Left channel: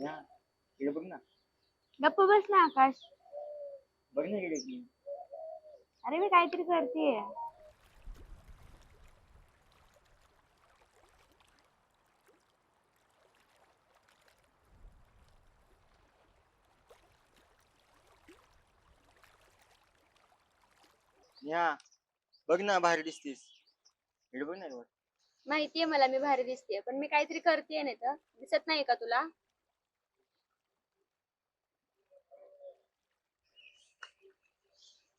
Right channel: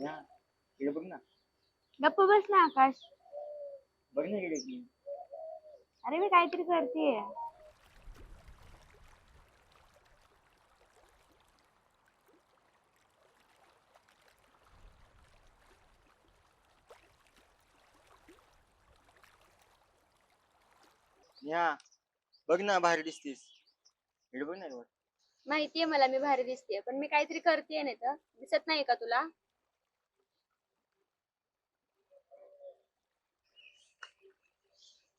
इकडे बघ ना. गप्प बस ना आकाश. बघ ना इकडे की. अरे मी काहीतरी करतेय. नेहा बघ ना बाहेर दिसतीस. इकडे बघ ना रे वर. माहितीये मला मी भारी दिसतेय पण मी काहीतरी करतेय नाही तर. दिसत नाही का तुला?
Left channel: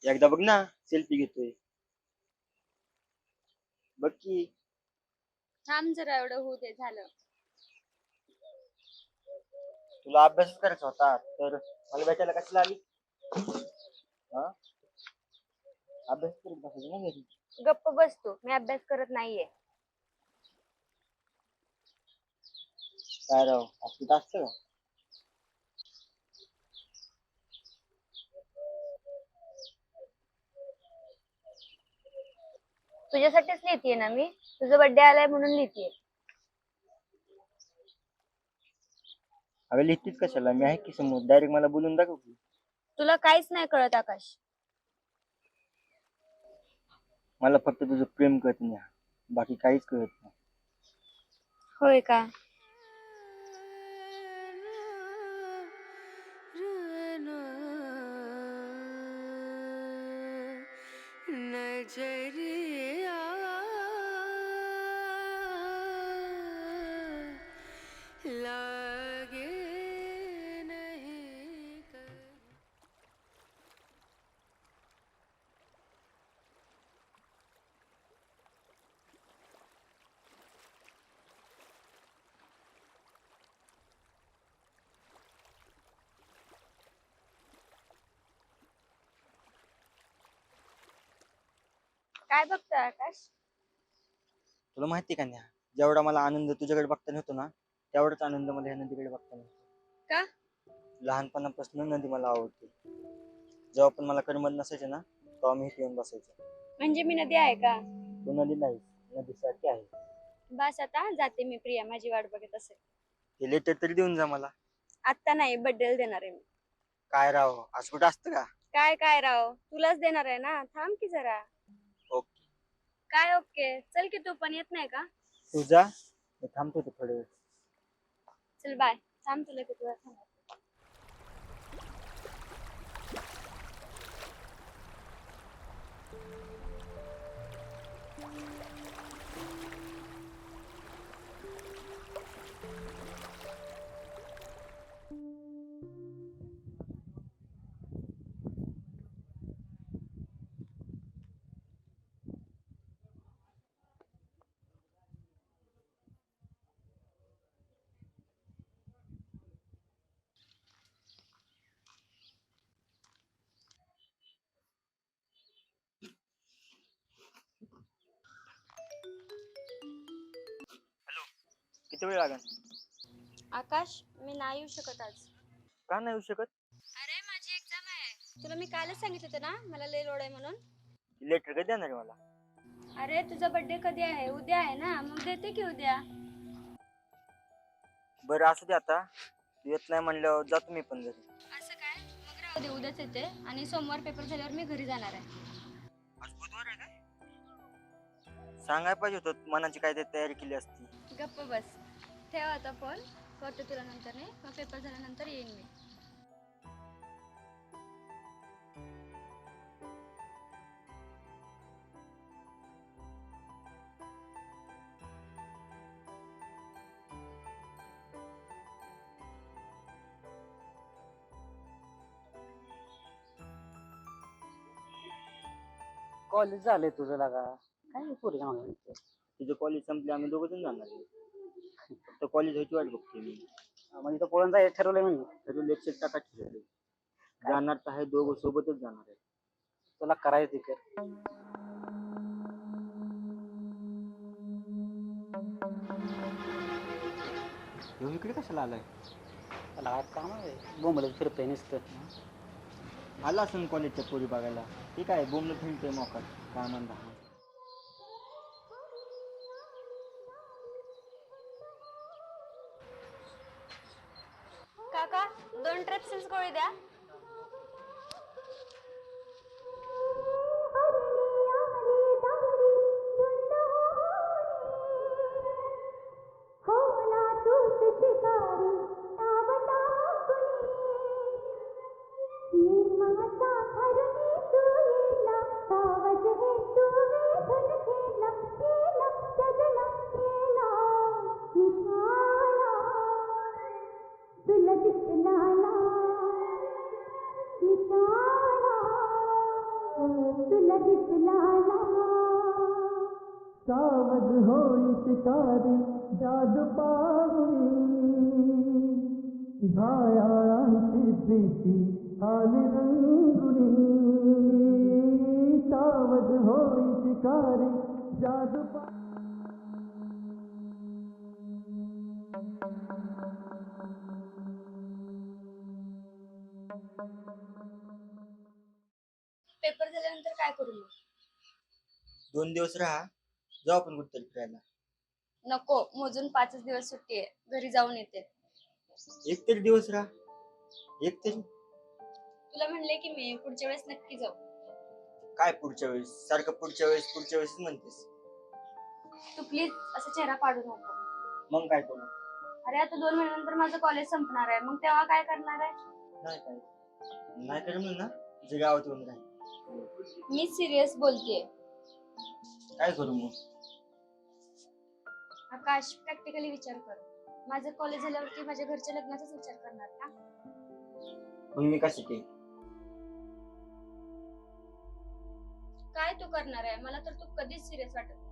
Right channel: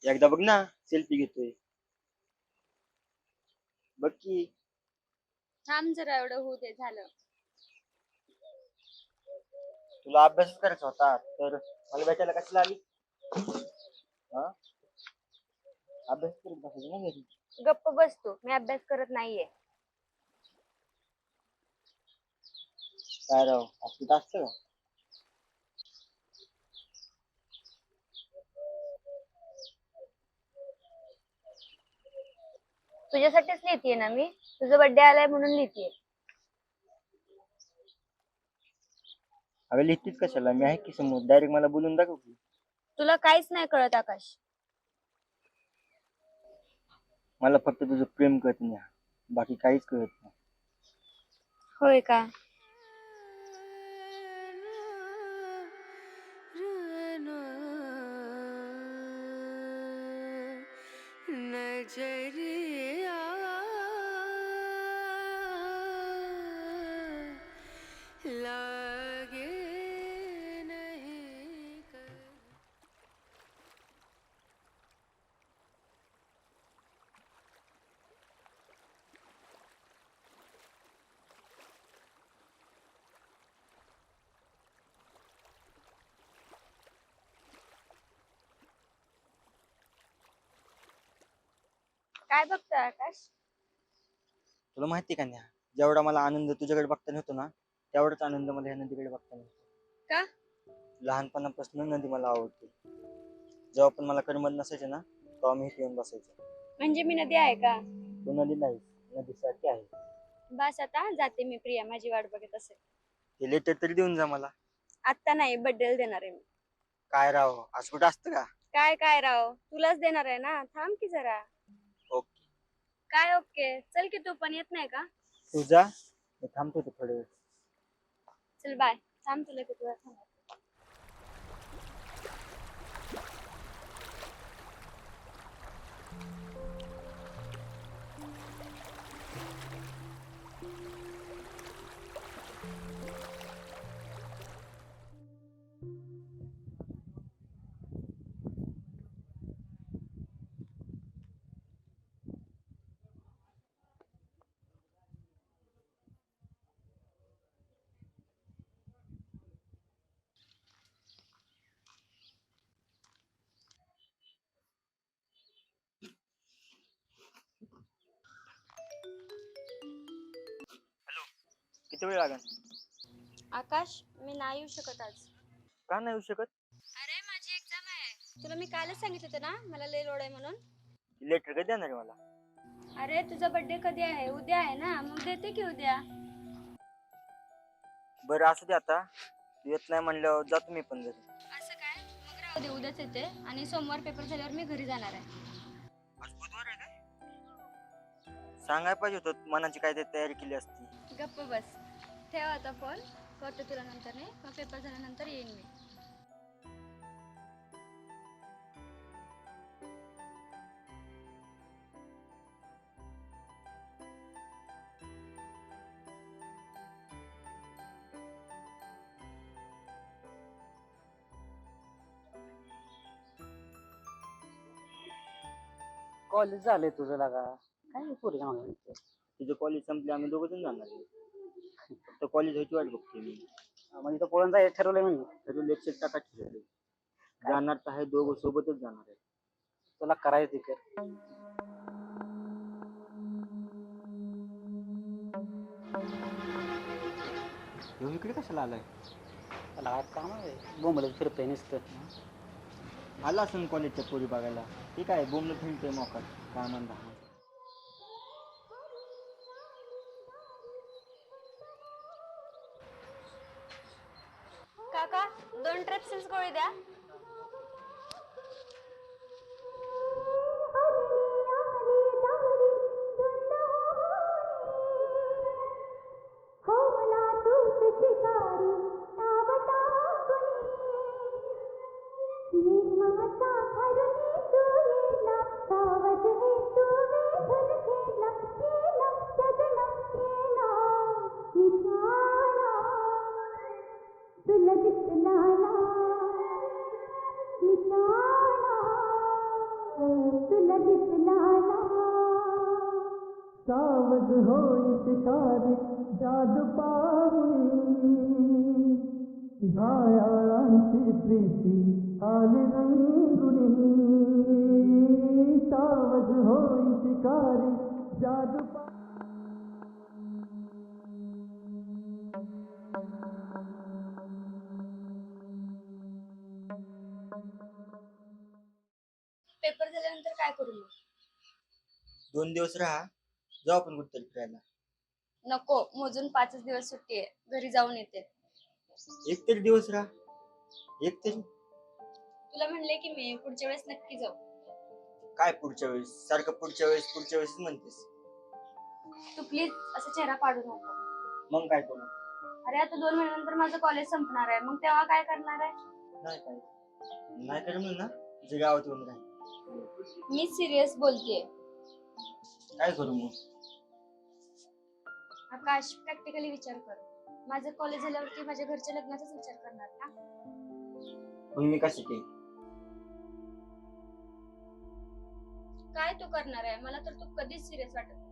एकदा बघ ना सेल्फी घेतोय. बघ की. थांब जरा एवढं होऊ दे झालं. तुला अभ्यास करायचा होता तर मला भेटायला कशाला आली? हा? अभ्यास करत बसायचं ना घरी. गप्प बस तू मी अभ्यास करत नाहीये. काय राव असं असतं का? तुझ्यासाठीच लिहितीये ना मी? तुझा बर्थडे आलाय म्हणून लिहितीये. अगं लिहितीस कशाला? मी आहे की समोर. डायरेक्ट मला बोलून दाखव की. तुला काहीच नाही कळत आकाश. मला फक्त तुझं प्रेम कळत नाही. बाकी काहीच कळत नाही. होय का? काय बघतोय आकाश? तुला माहिती का नेहा? जेवढा मला आनंद तुझ्याकडे बघताना होतो ना तेवढाच आनंद मला ह्या नदीकडे बघताना होतो. का? लहानपणापासून नदी मला आवडते. जेव्हा पण मला करमत नसायचे ना तेव्हा मी इथे येऊन बसायचो. म्हणजे मी नदी आहे का? तू नदी नाही नदीसारखी आहे. बस आता जाते मी प्रिया माझी वाट बघत असेल. ते लेटर तरी देऊन जा मला. आत्ता नाही बड्डेला देणार आहे मी. काय राव? असं कुठं असतं का? काय काय राव? तुलाच देणार आहे ना? थांब की जरा. काय ओके? चल की तू पण येत नाही का? तू जा. मी थांबतो ते थोडे वेळ चल बाय थांब तुला किती वेळ थांबवते. किती वेळ लागेल? आकाश मी नाही येऊ शकत आज. का नाही येऊ शकत? अरे माझी एक्झाम आहे. तुला मी कालच सांगितलं होतं ना? मला लय लोड आहे म्हणून. लेटर कधी देणार आहे मला? अरे तुझा बर्थडे कधी आहे? उद्या आहे ना? मग देते की उद्या? बरं असू दे आता. तू येत नाही म्हणल्यावर जातो मी पण घरी. असं काय? मग राहू दे उद्याच येते. आणि सोमवार पेपर झाल्यावर मी घरी जाणार आहे. आज बुधवार आहे काय? सांगाय पाहिजे होतं मनाची काय ते तयारी केली असती. गप्प बस. ठेव आता फोन. करते तुला नंतर नाही मग पेपर झाल्यानंतर येईन मी. कॉलेज झालंय तुझं लागा. काय पोरी मागणी तुझं कॉलेज संपले आम्ही दोघं जण जाणार आहे. फक्त कॉलेज व्हायची वाट बघते मी. म्हणजे तो पळून जायचं ठरवलंय म्हणजे. तरी लेक्चर टाका ठरवले जाणार तर आहे दोघं सोबतच जाणार आहे. तुला करायचं ते कर. ह्यो इकडे कशाला आलाय? त्याला काय काम आहे बोंबलत फिरतोय नुसतं. आला असून कॉलेजच्या पोरी बघायला. ठीक आहे बोमलं फिरतोय मोकाट. काय म्हणता? করে দেয় पाहुणी घायाळांची प्रीती आली रंगुनी. सावध होई शिकारी जादू पा पेपर झाल्यानंतर काय करू मग? दोन दिवस राहा जाऊ आपण कुठतरी फिरायला. नको मोजून पाचच दिवस सुट्टी आहे घरी जाऊन येते. एक तरी दिवस राहा. एक तरी. तुला म्हणले की मी पुढच्या वेळेस नक्की जाऊ. काय पुढच्या वेळेस? सारखं पुढच्या वेळेस पुढच्या वेळेस म्हणतेस. तू प्लीज असा चेहरा पाडू नको. मग काय करू? अरे आता दोन महिन्यानंतर माझं कॉलेज संपणार आहे मग तेव्हा काय करणार आहे? नाही काय. नाही ना तुझ्या गावात येऊन राहील. मी सिरियस बोलतेय. काय करू मग? आकाश प्रॅक्टिकली विचार कर. माझं कॉलेज झाल्यावरती माझ्या घरच्या लग्नाचाच विचार करणार ना मग मी काय तू करणार आहे? मला तर तू कधीच सिरियस वाटत नाही.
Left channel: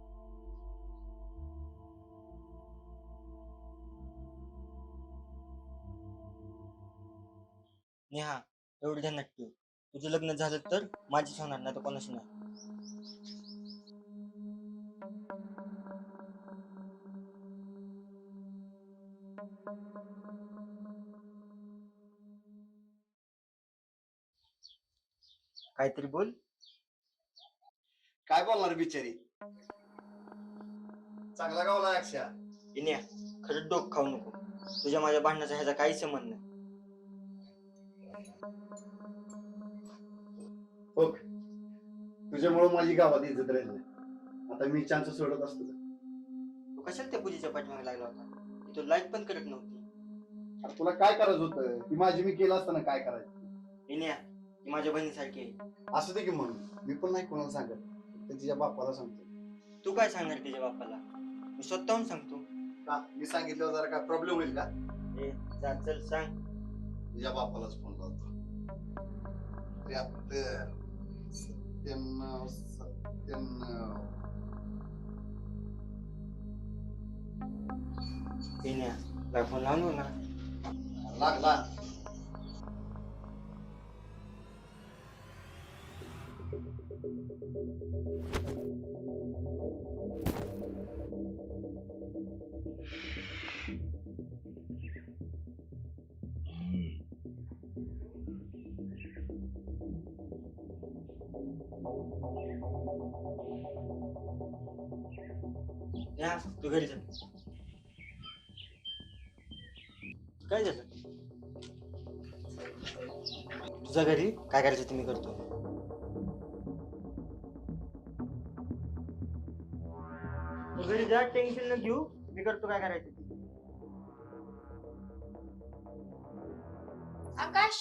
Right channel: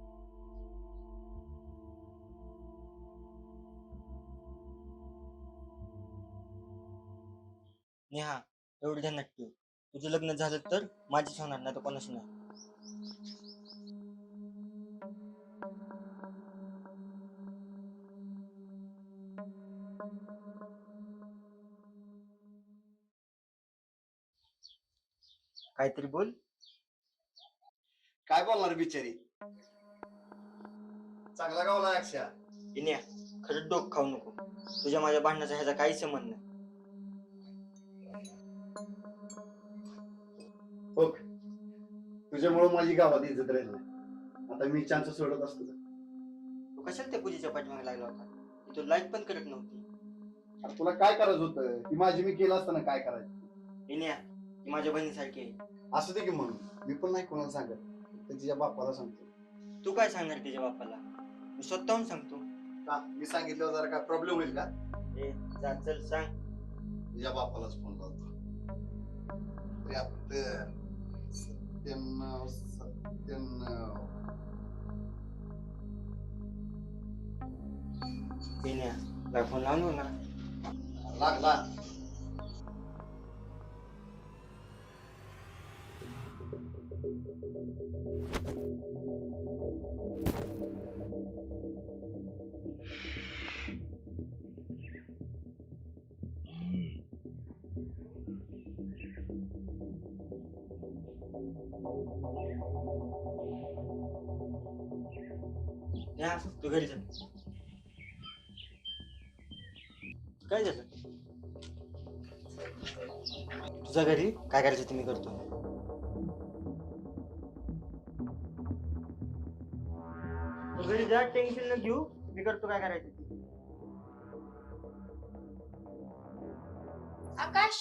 नेहा एवढं ध्यानात ठेव तुझं लग्न झालं तर माझीच होणार नाही तर कोणाशी नाही काहीतरी बोल. काय बोलणार बिचारी? चांगला गावला अक्षा इन्या खरंच डोक खाऊ नको. तुझ्या माझ्या भांडणाचा ह्याचा काही संबंध नाही. हो तुझ्यामुळे माझी गावात इज्जत राहिली नाही. आता मी चान्स सोडत असतो? तू कशाला त्या पूजेच्या पाठीमागे लागला होता? ती तू लाईक पण करत नव्हती. अरे तुला काय करायचं होतं? ती माझी मी केलं असताना काय करायचं? इन्या ती माझ्या बहिणीसारखी आहे. असं दे की म्हणून. मी पण नाही कोणाला सांगत. तर तिच्या बापाला सांगतो. तू काय सांगणार तिच्या बापाला? मी स्वतःहून सांगतो. का? मी सांगितलं जरा काय प्रॉब्लेम होईल का? ए जा चल सांग. तिच्या बापालाच फोन लावतो. त्र्याहत्तर सत्त्याण्णव सत्त्याण्णव इन्या काय फोन लावून ना लागला या तू घरी काय झालं? तुझ्या घरी काय करायचं ते मी करतो. तू घरी जा टेन्शन न घेऊ. मी करतो काय करायचं ते. आकाश?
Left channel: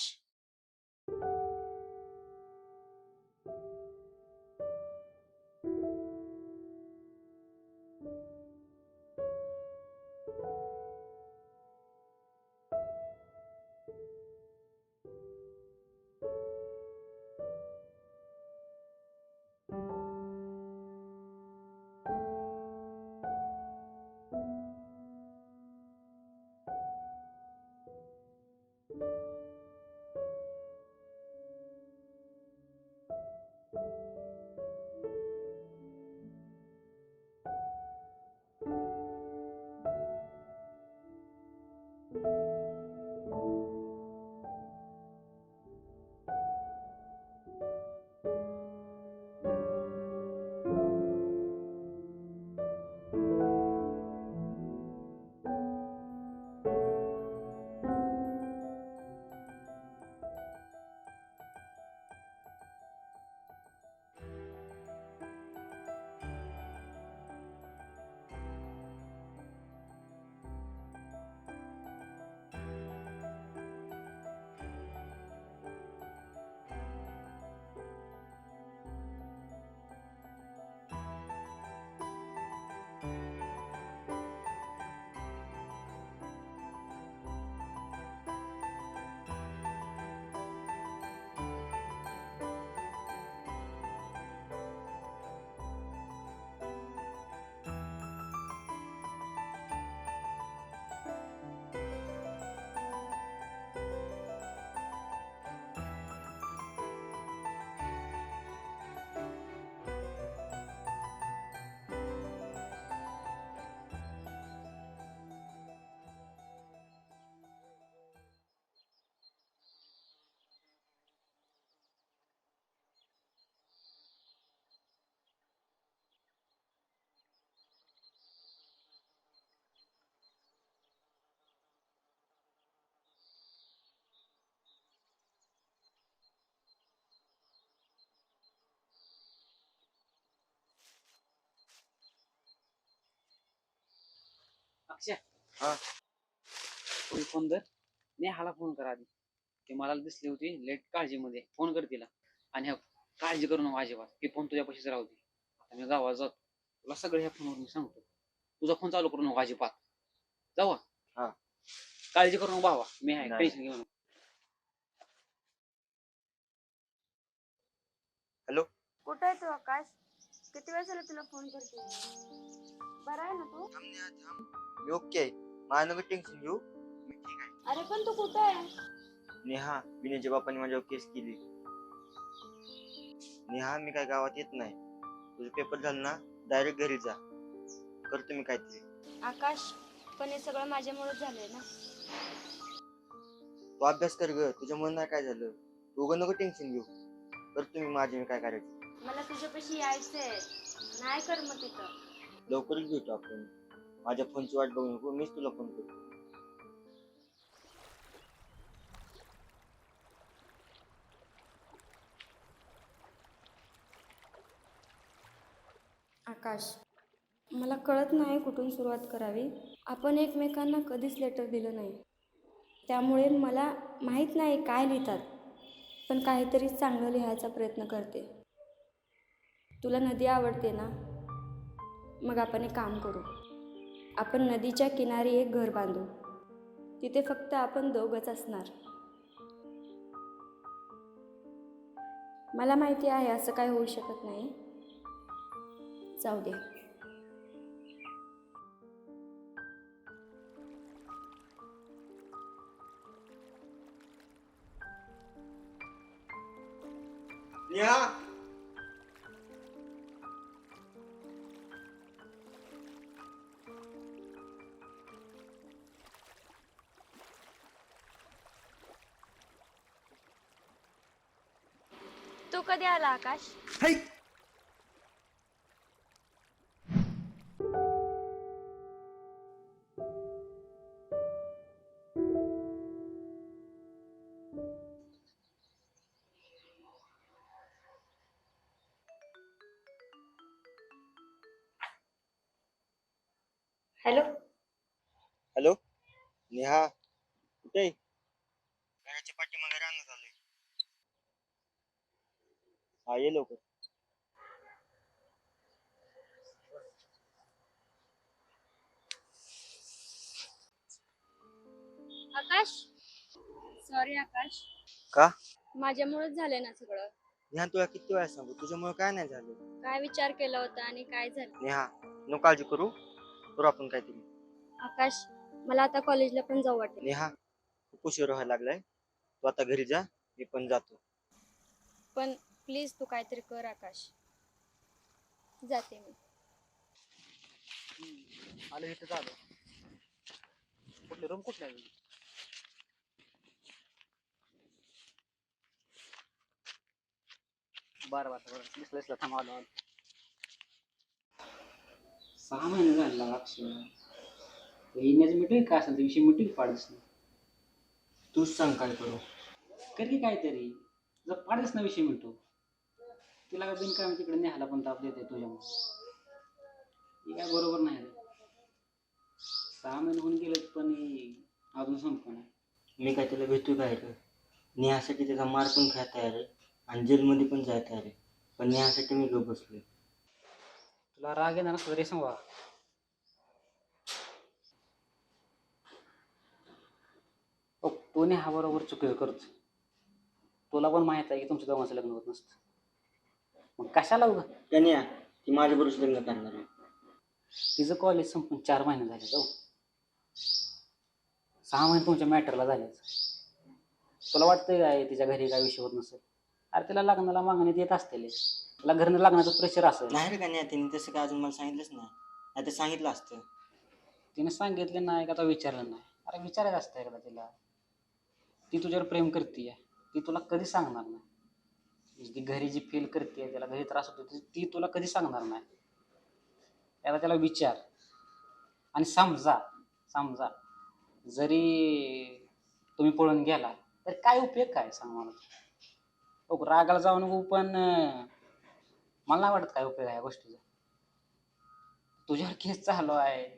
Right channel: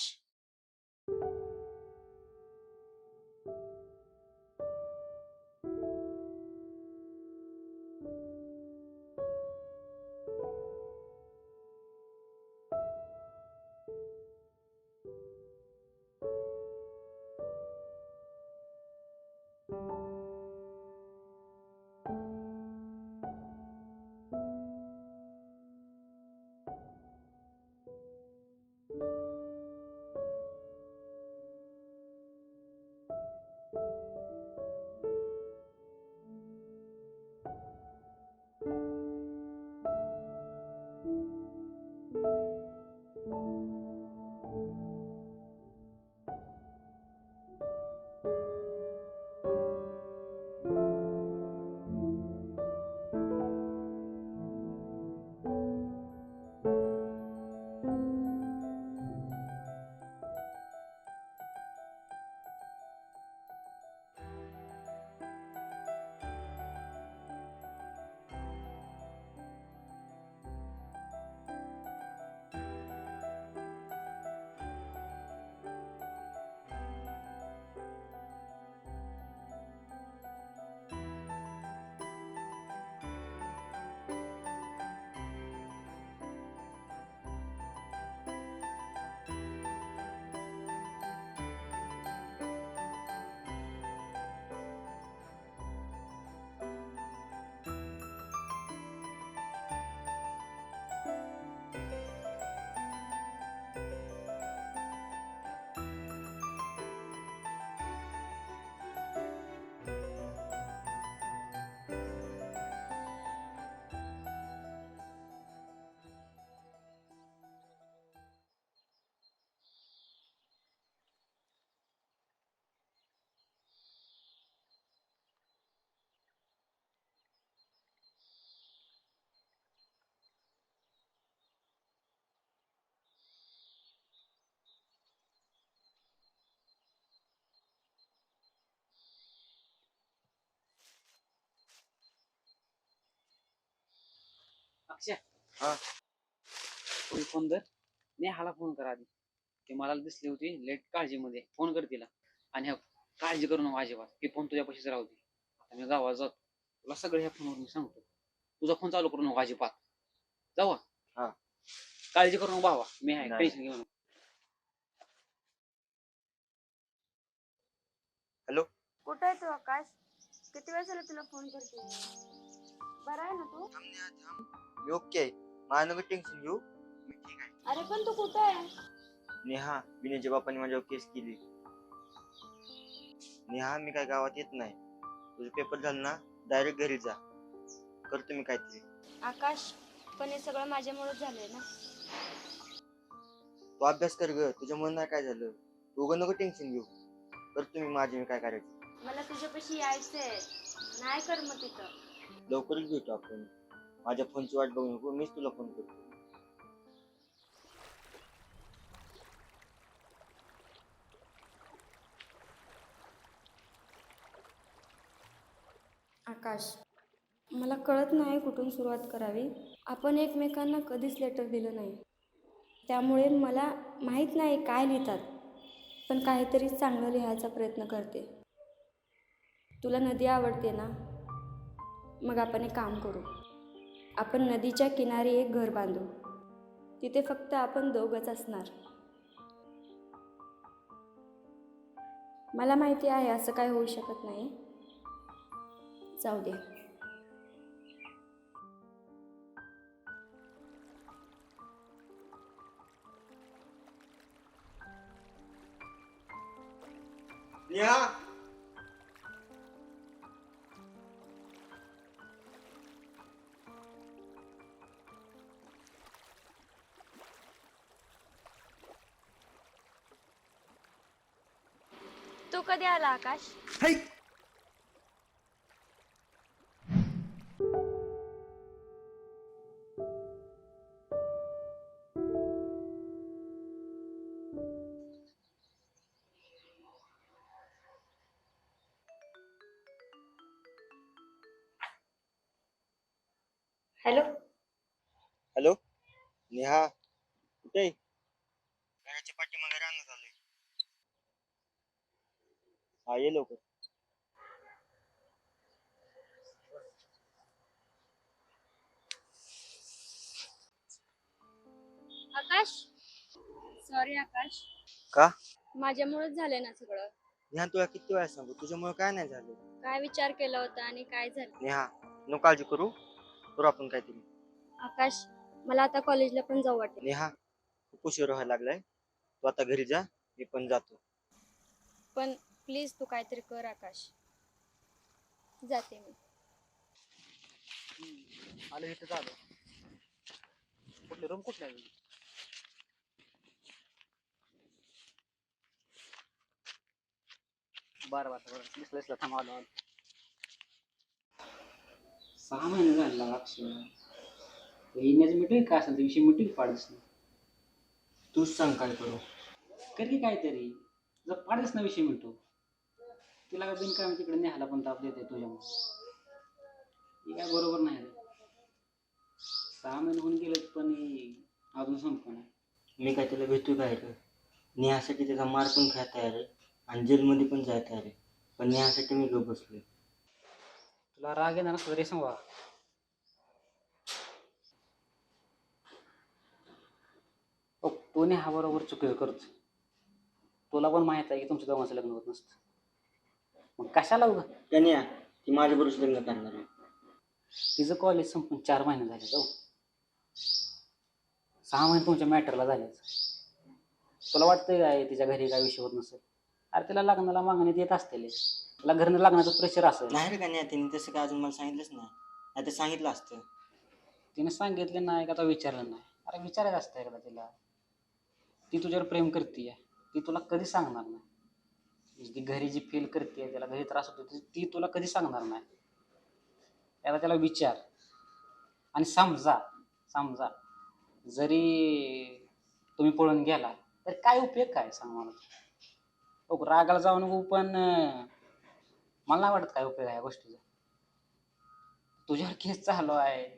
अक्षय हा. तू फोन कर नेहाला फोन कर आधी. ते मला दिसली होती लेट काळजीमध्ये. फोन कर तिला. आणि हा, काळजी करू नको अजिबात. हे फोन तुझ्यापाशीच राहू दे. आता मी गावात जातो. तुला सगळं ह्या फोनवर मी सांगतो. तुझा फोन चालू करू नको अजिबात. जाऊ? हा. काळजी करू नको भावा. मी आहे. नाही. टेन्शन घेऊ नको. कुठं आहे तू आकाश? किती वेळ झाला तुला फोन करते? बरा आहे ना तू? मी ओके आहे. माझं नको टेन्शन घेऊ. मी ठीक आहे. अरे पण तू कुठं आहे? नेहा विनयच्या बापाने माझ्यावर केस केली. नेहा मी काय गावात येत नाही. तुझे पेपर झाले ना डायरेक्ट घरी जा. करतो मी काहीतरी. आकाश पण हे सगळं माझ्यामुळेच झालंय ना? तू अभ्यास कर ग तुझ्यामुळे नाही काय झालं. तू उगा नको टेन्शन घेऊ. करतो मी माझे मी काय करायचं. मला तुझ्यापाशी यायचंय. नाही कर मग तिथं लवकरच भेटू आपण. माझ्या फोनची वाट बघू नको मीच तुला फोन करतो. आकाश मला कळत नाही कुठून सुरुवात करावी. आपण एकमेकांना कधीच लेटर दिलं नाही. त्यामुळे मला माहीत नाही काय लिहितात पण काहीतरी चांगलं लिहायचा प्रयत्न करते. तुला नदी आवडते ना? मग आपण एक काम करू. आपण नदीच्या किनारी एक घर बांधू. तिथे फक्त आपण दोघंच असणार. मला माहिती आहे असं काय होऊ शकत नाही. जाऊ दे. Yeah. कधी आला आकाश? Hello hello Neha? कुठे आहे? घराच्या पाठीमागे राहण्यात आलोय हा ये लवकर. आकाश? सॉरी आकाश. का? माझ्यामुळेच झालंय ना सगळं. नेहा तुला किती वेळा सांगू? तुझ्यामुळे काय नाही झालं? काय विचार केला होता आणि काय झालं? नेहा नो काळजी करू. करू आपण काहीतरी. आकाश मला आता कॉलेजला पण जाऊ वाटेल. नेहा खूप उशीर व्हायला लागलाय. तू आता घरी जा मी पण जातो. पण प्लीज तू काहीतरी कर आकाश. जाते मी. आलो इथं झालं कुठली? रूम कुठल्या बरं बरं बरं. दिसलं दिसलं. थांब आलो आलो. सहा महिने झाले अक्षय येण्याचं मिटू काय असेल? ते विषय मिटू पाडस तूच सांग काय करू. कर की काहीतरी. जर पाडस ना विषय मिटू तिला का बिन काय तिकडे न्यायला पण ताप देते तुझ्यामुळे. काय बरोबर नाही रे. सहा महिने होऊन गेलेत पण अजून संपलं नाही मी काय त्याला भेटू काय रे? नेहासाठी त्याचा मार पण खाय तयार आहे आणि जेलमध्ये पण जाय तयार आहे पण नेहासाठी मी गप बसलोय. तुला राग येणार नसला तरी सांगा तो हा बरोबर चुकी करतो तुला पण माहीत आहे की तुमच्या दोघांचं लग्न होत नसतं. मग कशाला उगा? त्याने ती माझ्या बरोबर लग्न करणार आहे. तिचं कॉलेज संपून चार महिने झाले जाऊ. सहा महिने तुमच्या मॅटरला झालेच तुला वाटतंय काय तिच्या घरी काय विषय होत नसेल? अरे तिला लग्नाला मागण्यात येत असतील. तिला घरनं लग्नाचं प्रेशर असेल. नाही रे का नाही तिने तसं काय अजून मला सांगितलंच नाही. नाही तर सांगितलं असतं. तिने सांगितलं नाही का तो विचारलं नाही? अरे विचारायचं असतं एकदा तिला. ती तुझ्यावर प्रेम करते ती तुला कधी सांगणार नाही? म्हणजे ती घरी जी फील करते त्याला घरी त्रास होतो ती- तुला कधी सांगणार नाही. त्याला त्याला विचार. आणि समजा समजा जरी तुम्ही पळून गेला तर काय उपयोग काय सांग मला? हो रागाला जाऊ नको पण मला नाही वाटत काय उपयोग आहे गोष्टीचा. तुझ्यावर केस चालू आहे.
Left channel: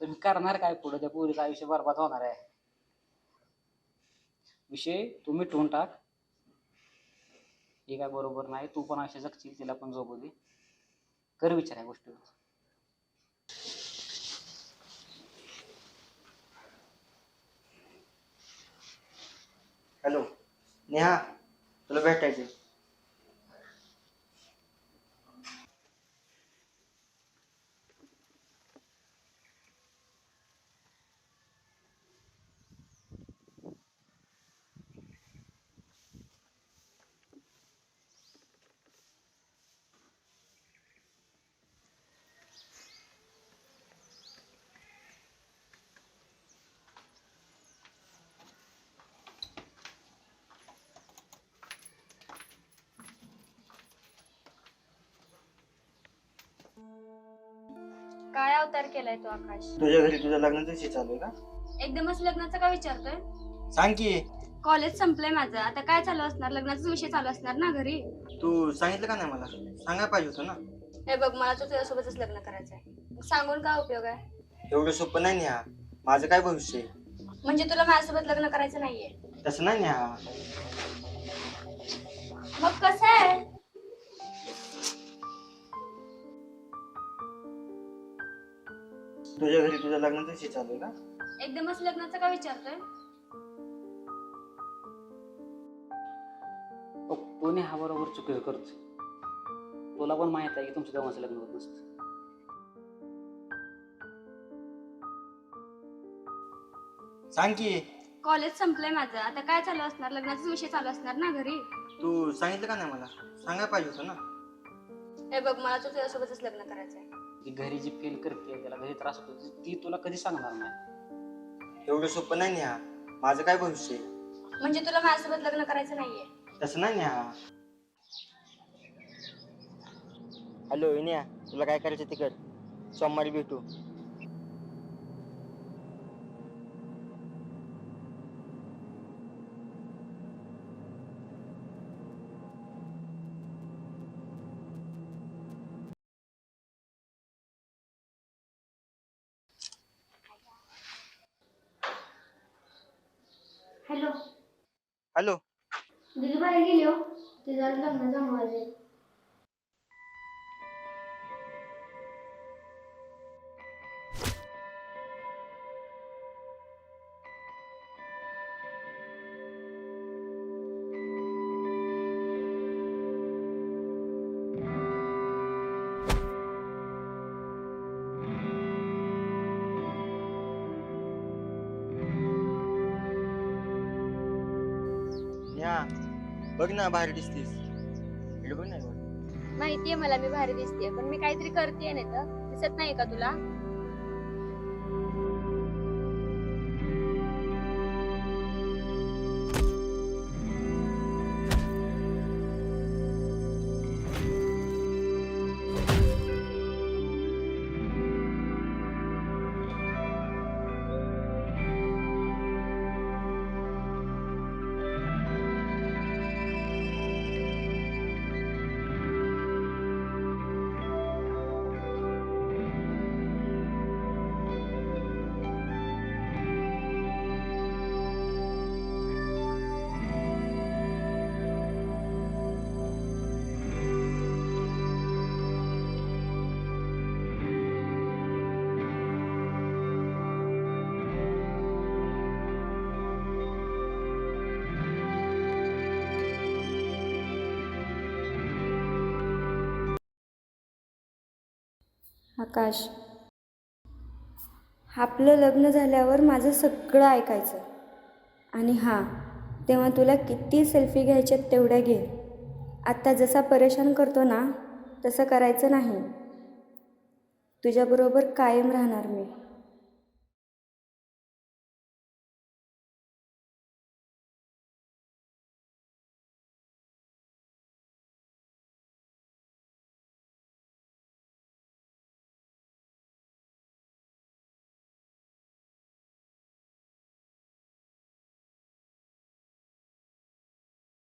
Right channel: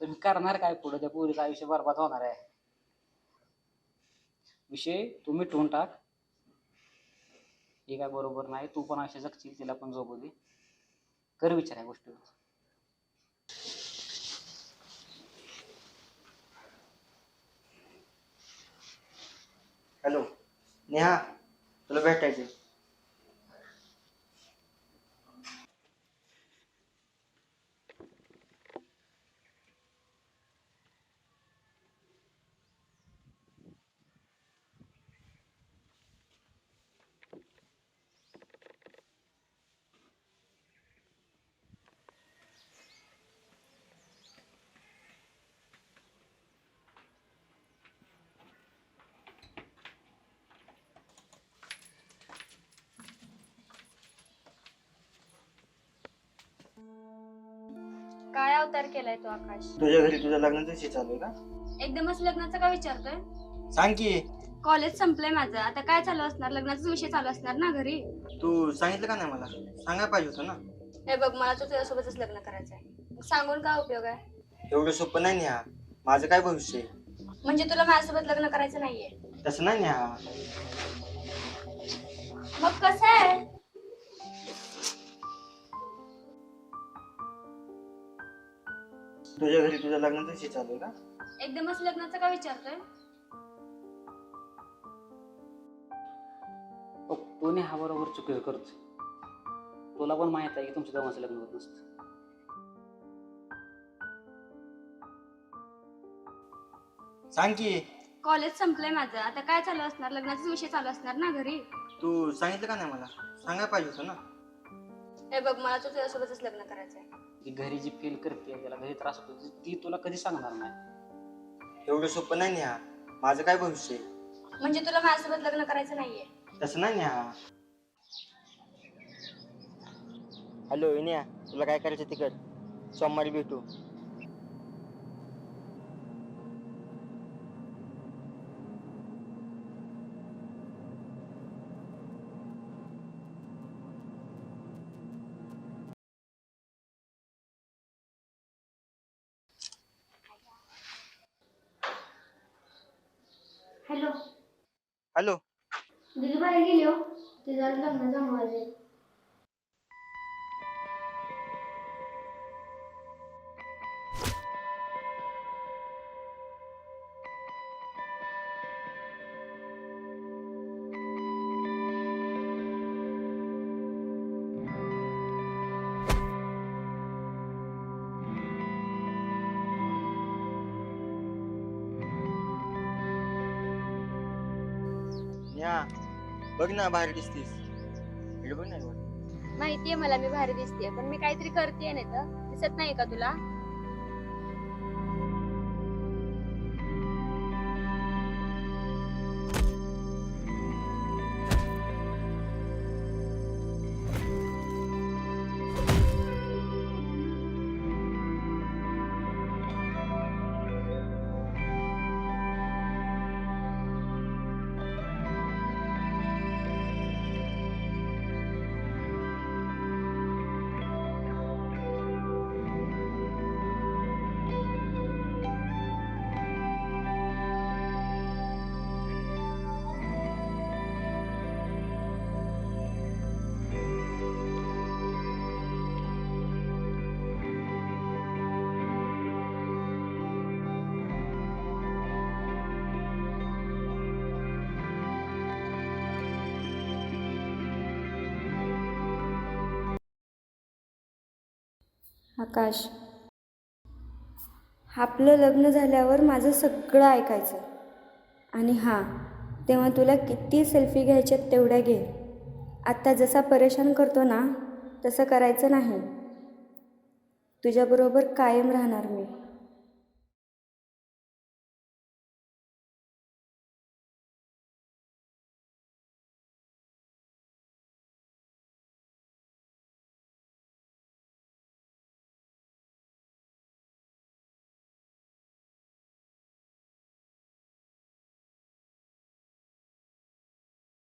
तुम्ही करणार काय पुढे? त्या पोरीचं आयुष्य बरबाद होणार आहे. विषय तुम्ही ठेवून टाक. हे काय बरोबर नाही तू पण असे जगशील तिला पण जगू दे. कर विचार या गोष्टीवर. हॅलो नेहा तुला भेटायचं काय अवतार केलाय तो आकाश. तुझ्या घरी तुझ्या लग्नाचं विषय चालू आहे का? एकदमच लग्नाचा का विचारतोय? सांग की. कॉलेज संपलंय माझं. आता काय चालू असणार? लग्नाचा विषय चालू असणार ना घरी? तू सांगितलं का नाही मला? सांगायला पाहिजे होतं ना. हे बघ मला तर तुझ्यासोबतच लग्न करायचंय. मग सांगून काय उपयोग आहे? एवढं सोपं नाही नेहा माझं काय भविष्य आहे? म्हणजे तुला माझ्यासोबत लग्न करायचं नाहीये. तसं नाही नेहा मग कसं आहे? तुझ्या घरी तुझ्या लग्नाचं विषय चालू आहे का एकदमच लग्नाचा का विचारतोय तू नेहा बरोबर चुकीचं करतो तुला पण माहीत आहे की तुमच्या दोघांचं लग्न होत नसतं. सांग की. कॉलेज संपलंय माझं. आता काय चालू असणार? लग्नाचा विषय चालू असणार ना घरी? तू सांगितलं का नाही मला? सांगायला पाहिजे होतं ना. हे बघ मला तर तुझ्यासोबतच लग्न करायचंय. ती घरी जी फील करते त्याला घरी त्रास होतो ती- ती तुला कधी सांगणार नाही. एवढं सोपं नाही नेहा माझं काय भविष्य? आहे म्हणजे तुला माझ्यासोबत लग्न करायचं नाहीये? तसं नाही नेहा हॅलो नेहा तुला काय करायचं तिकड? सोमवारी भेटू हॅलो हॅलो दिदी बाहेर गेली हो तिचा लग्न जमवायचे नेहा बघ ना बाहेर दिसतीस इकडे बघ ना वर. माहितीये मला मी भारी दिसतेय पण मी काहीतरी करतेय ना तर. दिसत नाही का तुला? आकाश. आपलं लग्न झाल्यावर माझं सगळं ऐकायचं. आणि हां तेव्हा तुला किती सेल्फी घ्यायच्यात तेवढ्या घे. आत्ता जसा परेशान करतो ना तसं करायचं नाही. तुझ्याबरोबर कायम राहणार मी.